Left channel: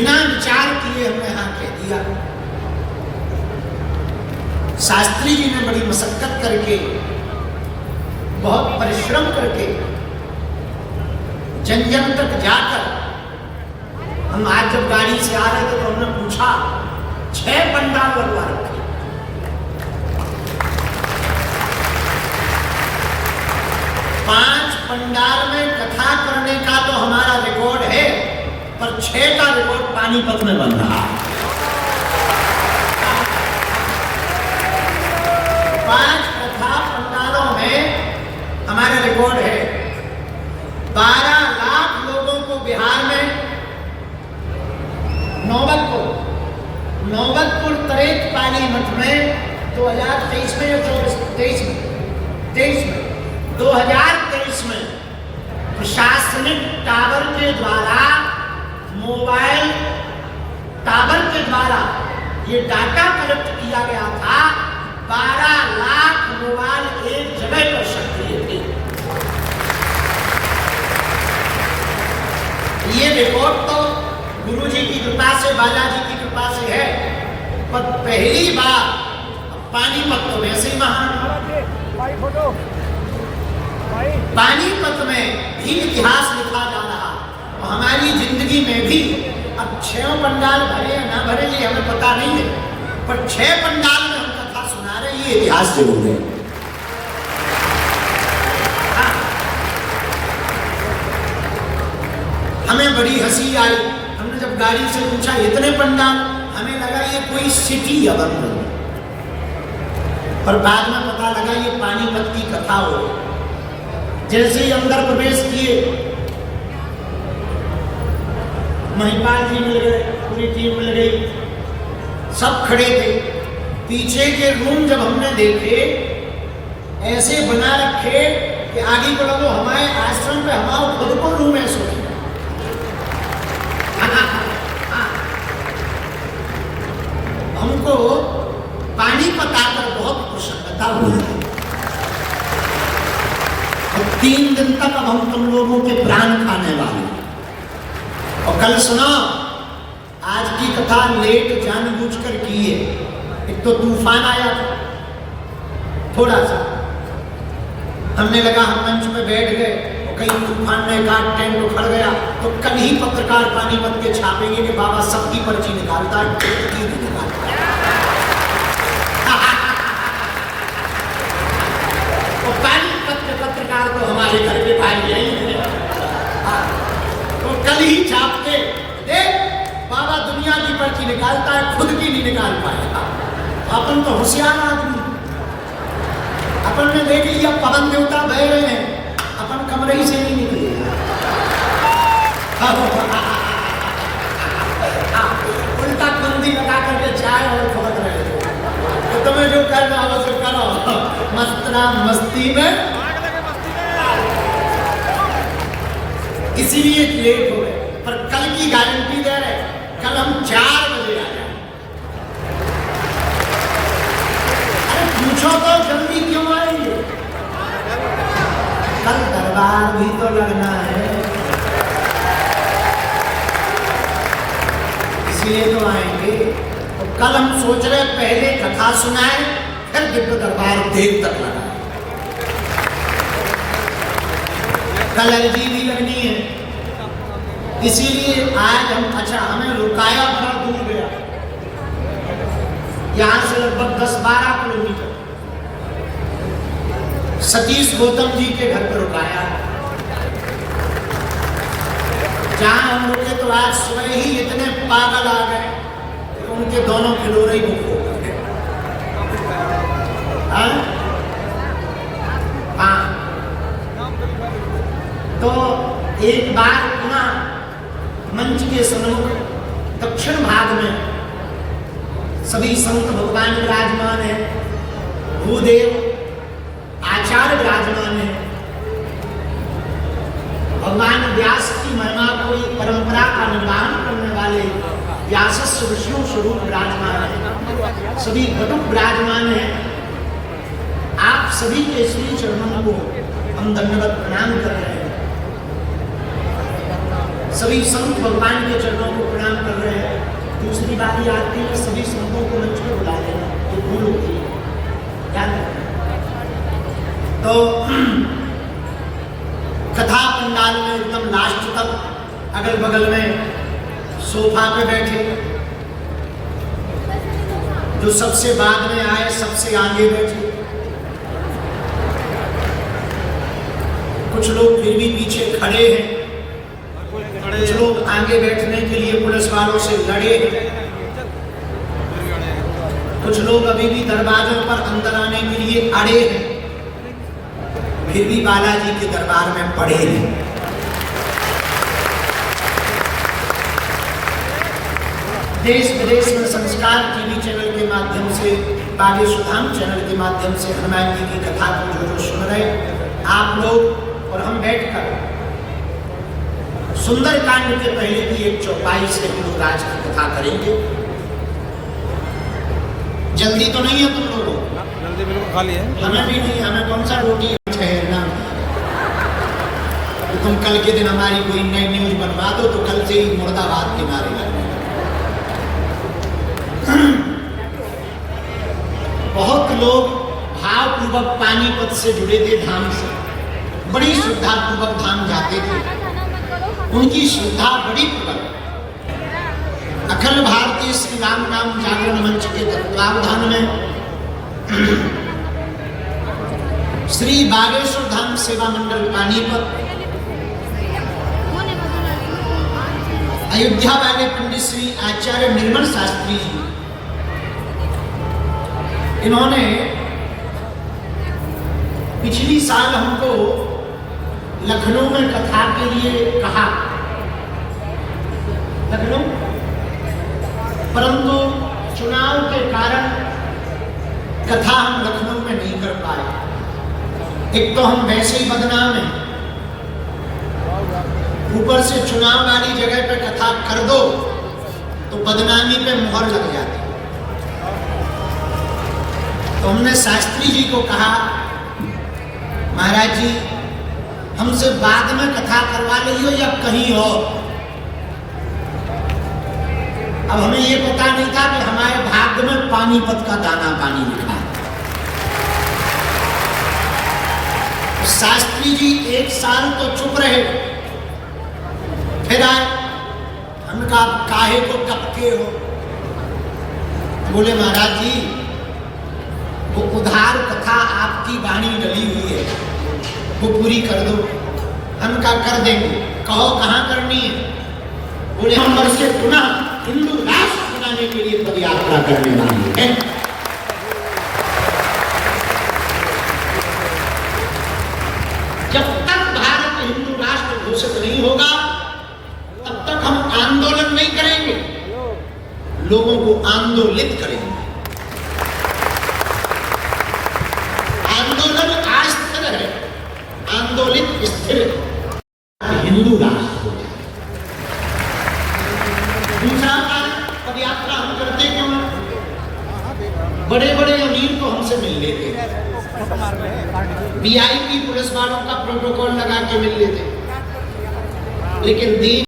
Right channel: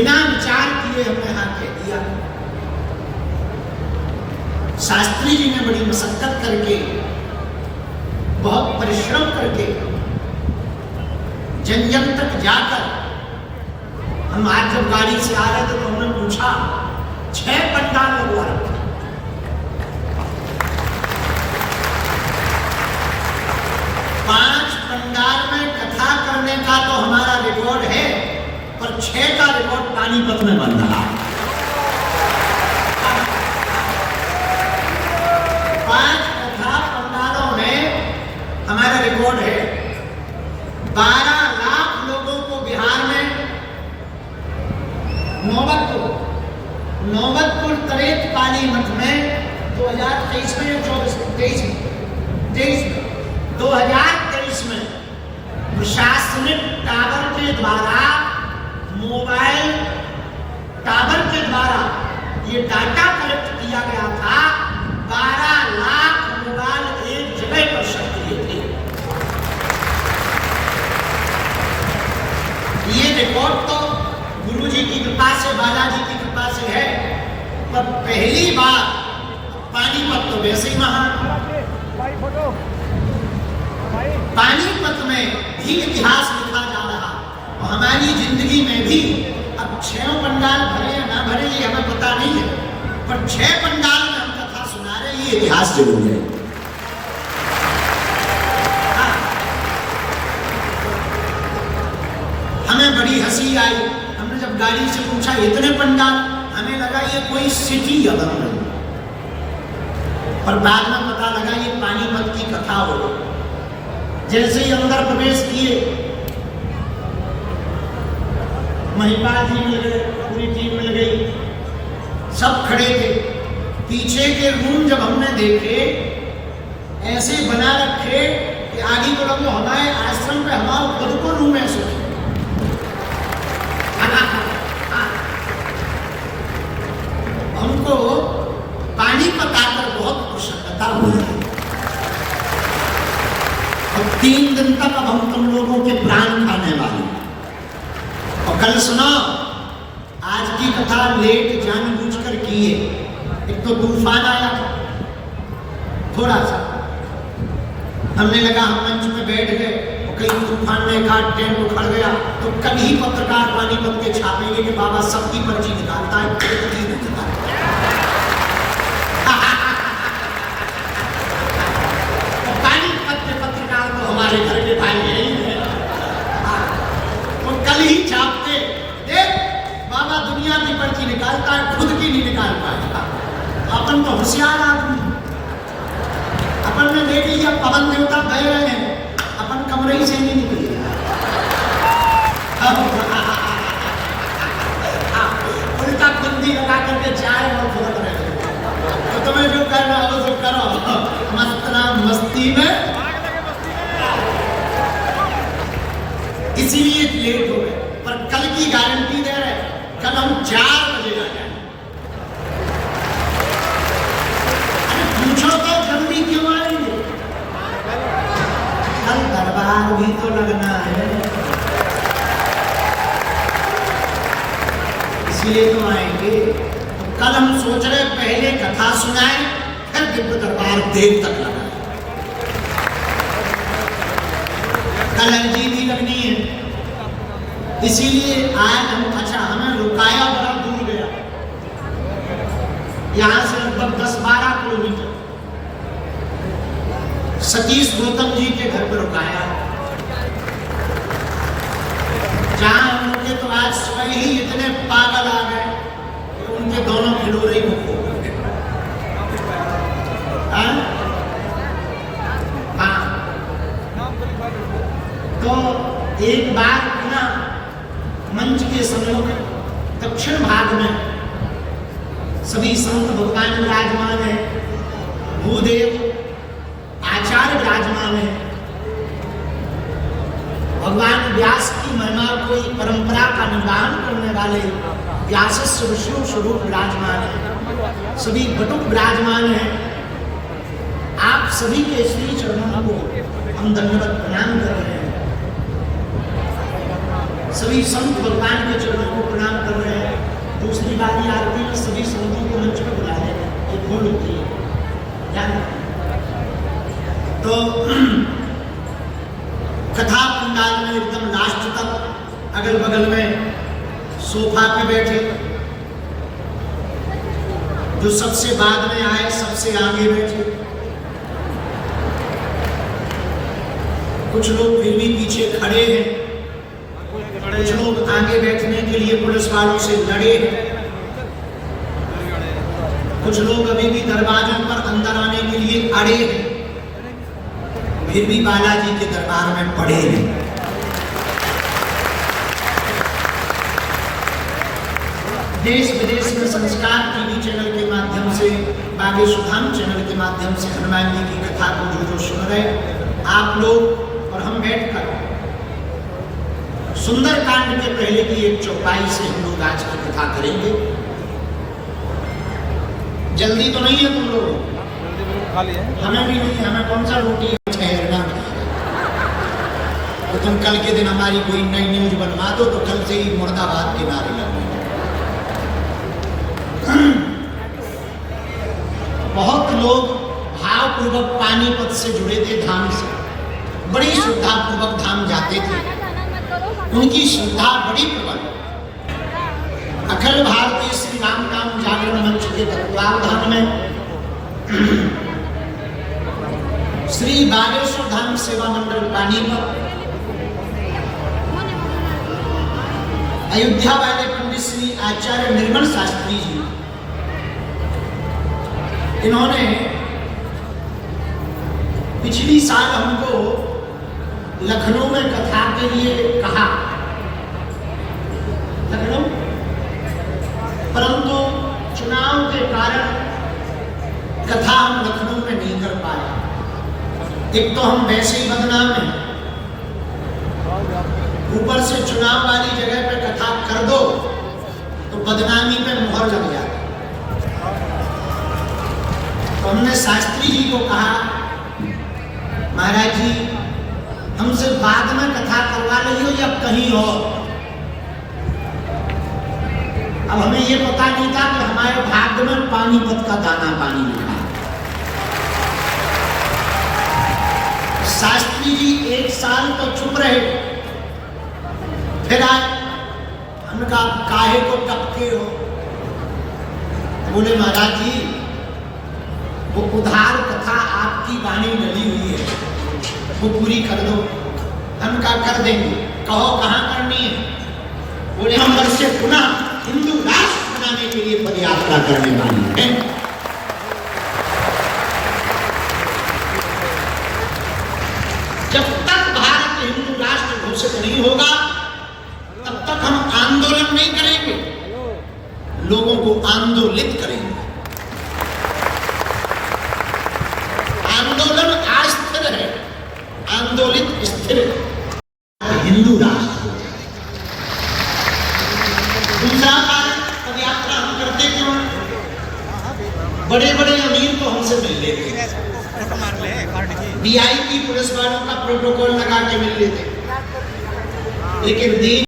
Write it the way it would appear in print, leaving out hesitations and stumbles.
बिना विचार किए हमने हाँ कह दिया। शास्त्री जी ने बड़ी मशक्कत करके, बहुत परिश्रम करके, जन जन तक जाकर, हम आज जब गाड़ी से आ रहे थे तो हमने पूछा 6 पंडाल लगवा रखे। 5 पंडाल में कथा करने का तो हमारा रिकॉर्ड है, पर 6 का रिकॉर्ड पानीपत में बन रहा है। 5 कथा पंडालों में हमारा रिकॉर्ड है। 12 लाख लोगों को बिहार में नौबतपुर तरेत पानीपत में 2023 में या 23 में 2023 में प्रशासनिक टावर के द्वारा, मोबाइल टावर के द्वारा ये डाटा कलेक्ट किया गया था। 12 लाख मोबाइल एक जगह पर सक्रिय थे। ये रिकॉर्ड तो गुरु जी की कृपा से, बालाजी की कृपा से है, पर पहली बार पानीपत तो वैसे ही महान, पानीपत में भी इतिहास लिखा जा रहा, और हमारी जिंदगी में भी। अब 6 पंडाल भरे या ना भरे ये हमें पता नहीं है, पर 6 पंडाल में हम कथा सुना रहे, ये इतिहास जरूर है। हाँ। हमें बड़ी हंसी आई। हमने जब गाड़ी से पूछा इतने पंडाल, हमें लगा ये कोई सिटी या बंद, पर बाद में पता लगा ये पानीपत की कथा हो। जैसे ही अंदर प्रवेश किए, महिपाल जी मिल गए, पूरी टीम मिल गई, सब खड़े थे। पीछे के रूम जब हमने देखे, ऐसे बना रखे कि आगे को लोगों हमारे आश्रम पे हमारा खुद को रूम ऐसे हमको पानीपत आकर बहुत प्रसन्नता हुई। 3 दिन तक अब हम तुम लोगों के प्राण खाने वाले। और कल सुनो, आज की कथा लेट जानबूझकर की है। एक तो तूफान आया था थोड़ा सा, हमने लगा हम मंच में बैठ गए, कहीं तूफान ने कहा टेंट उखड़ गया, तो कल ही पत्रकार पानीपत के छापेंगे कि बाबा सबकी पर्ची निकालता है, नहीं निकालता। पानीपत के पत्रकार तो हमारे घर के भाई यही है। तो कल ही छापते, देख बाबा दुनिया की पर्ची निकालता है, खुद की नहीं निकाल पाएगा। अपन तो होशियार आदमी, अपन ने देख लिया पवन देवता बह रहे हैं, अपन कमरे ही से नहीं निकलेगा। उल्टा बंदी लगा करके चाय और खबत रहे, तो तुम्हें जो करना हो तो करो, मस्तना मस्ती में। इसीलिए लेट हो गए, पर कल की गारंटी दे रहे, कल हम 4 बजे आ जाए। अरे पूछो तो जल्दी क्यों आएंगे? कल दरबार भी तो लगना है, इसलिए तो आएंगे। तो कल हम सोच रहे पहले कथा सुनाएं, फिर दिव्य दरबार देर तक लगा। कल अर्जी भी लगनी है, इसीलिए आज हम, अच्छा हमें रुकाया बड़ा दूर गया, यहां से लगभग 10-12 किलोमीटर। सतीश गौतम जी के घर पर रुकाया, जहां हम लोग तो आज सुबह ही इतने पागल आ गए कि उनके दोनों खिलोरे ही बुक हो गए। हाँ, तो एक बार पुनः मंच के सम्मुख दक्षिण भाग में सभी संत भगवान विराजमान है, भूदेव आचार्य विराजमान है। भगवान व्यास की महिमा को परंपरा का निर्वहन करने वाले व्यासस्य विष्णु स्वरूप विराजमान है, सभी घटुक विराजमान है। आप सभी के श्री चरणों को हम दंडवत प्रणाम कर रहे हैं, सभी संत भगवान के चरणों को प्रणाम कर रहे हैं। सोफा पे बैठे, जो सबसे बाद में आए सबसे आगे बैठे, कुछ लोग फिर भी पीछे खड़े हैं, कुछ लोग आगे बैठने के लिए पुलिस वालों से लड़े हैं, कुछ लोग अभी भी दरवाजों पर अंदर आने के लिए अड़े हैं, फिर भी बालाजी के दरबार में पड़े हैं। देश विदेश में संस्कार टीवी चैनल के माध्यम से, बागेश्वर धाम चैनल के माध्यम से हनुमान जी की कथा को जो सुन रहे आप लोग और हम बैठकर सुंदरकांड के पहले की एक चौपाई से हम लोग आज की कथा करेंगे। जल्दी तो नहीं है तुम लोगों? खाली है? हमें भी नहीं, हमें कौन सा रोटी ठहरना। तो तुम कल के दिन हमारी कोई नई न्यूज बनवा दो तो कल से ही मुर्दाबाद के नारे लगने। बहुत लोग भावपूर्वक पानीपत से जुड़े थे, धाम से बड़ी श्रद्धा पूर्वक धाम जाते थे, उनकी श्रद्धा बड़ी प्रबल। अखिल भारतीय श्री राम नाम जागरण मंच के तत्वावधान में श्री बागेश्वर धाम सेवा मंडल पानीपत, अयोध्या वाले पंडित श्री आचार्य निर्मल शास्त्री जी, इन्होंने पिछली साल हमको लखनऊ में कथा के लिए कहा, लखनऊ, परंतु चुनाव के कारण कथा हम लखनऊ में नहीं कर पाए। एक तो हम वैसे ही बदनाम हैं, ऊपर से चुनाव वाली जगह पे कथा कर दो तो बदनामी पे मुहर लग जाती। तो हमने शास्त्री जी को कहा, महाराज जी हमसे बाद में कथा करवा लीजिए या कहीं और। अब हमें ये पता नहीं था कि हमारे भाग्य में पानीपत का दाना पानी लिखा है। शास्त्री जी एक साल तो चुप रहे, फिर आए, हमने कहा काहे को टपके हो? बोले महाराज जी वो उधार कथा आपकी वाणी डली हुई है, वो पूरी कर दो। हम क्या कर देंगे, कहो कहाँ करनी है? बोले हम बस से पुनः हिंदू राष्ट्र बनाने के लिए पदयात्रा करने वाली है। जब तक भारत हिंदू राष्ट्र घोषित नहीं होगा तब तक हम आंदोलन नहीं करेंगे, लोगों को आंदोलित करेंगे। आंदोलन अस्थिर है, आंदोलित स्थिर है। हिंदू राष्ट्र हो जाए। दूसरा पदयात्रा हम करते क्यों? बड़े बड़े अमीर तो हमसे मिल लेते हैं, VIP पुलिस वालों का प्रोटोकॉल लगा के मिल लेते, लेकिन